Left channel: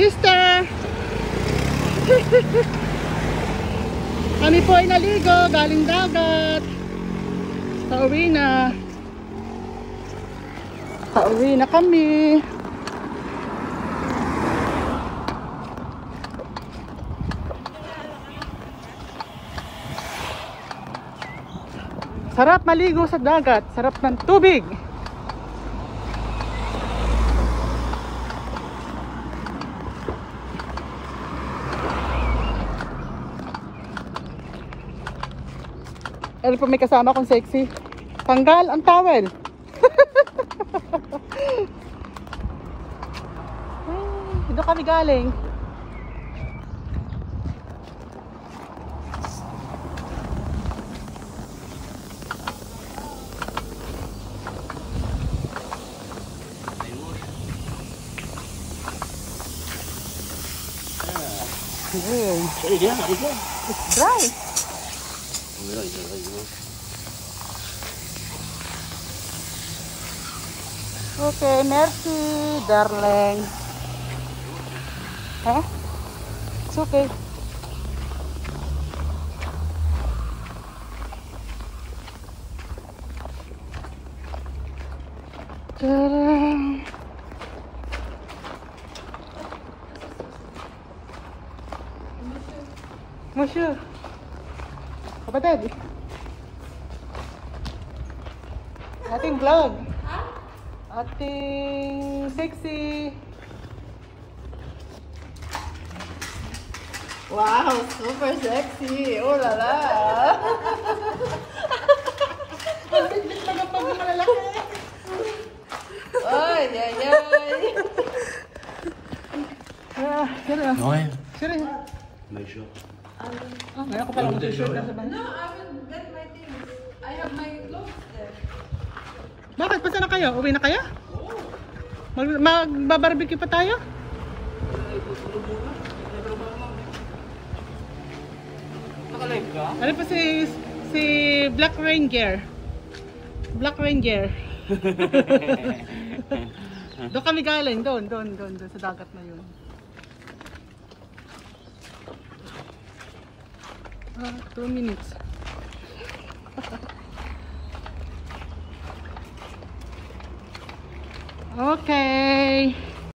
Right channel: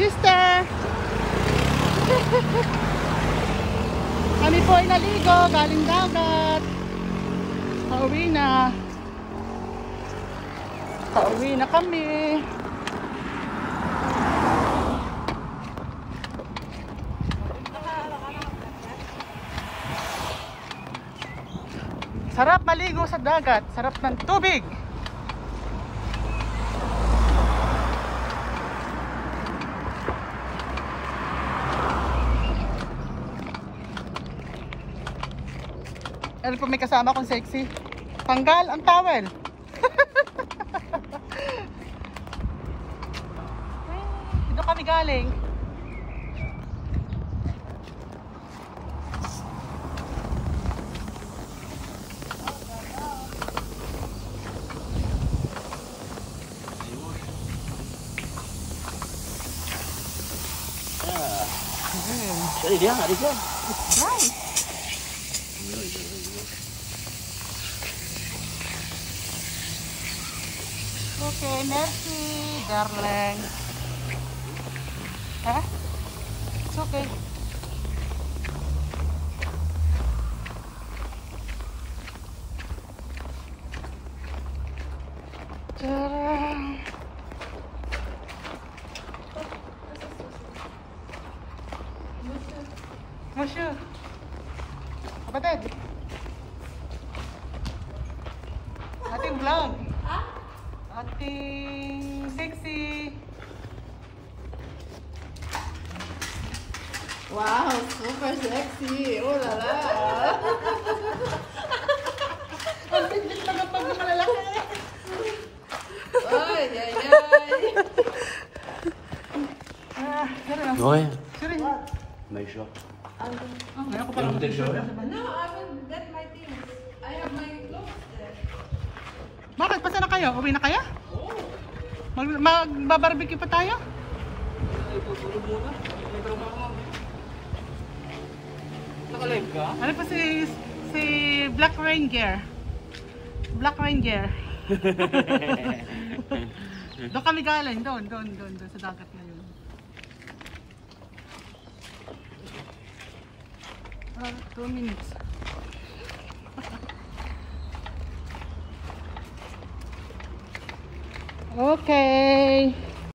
Sister! Kami po ay naligo, galing dagat. Pauwi na. Pauwi na kami. Sarap maligo sa dagat, sarap ng tubig. Ano po, may kasama kong sexy. Tanggal ang towel. Ay, doon kami galing. Sorry dia, adik lo. It's dry. Okay, merci, darling. Huh? It's okay. Tadang. Monsieur. Kapatid. Ating vlog. Ating sexy. Wow, super sexy. Oh la la. Ang biglit na pag malalaki. Ay, ay, ay. Okay. Sure. Make sure. Ngayon ko pala mag-shirt. No, I will get my things. I have my clothes there. Bakit? Pasa na kayo? Uwi na kayo? Oo. Magbabarbecue pa tayo? Naka-live ka? Ano pa si Black Ranger? Black Ranger. Doon kami galing. Doon sa dagat na yun. 2 minutes.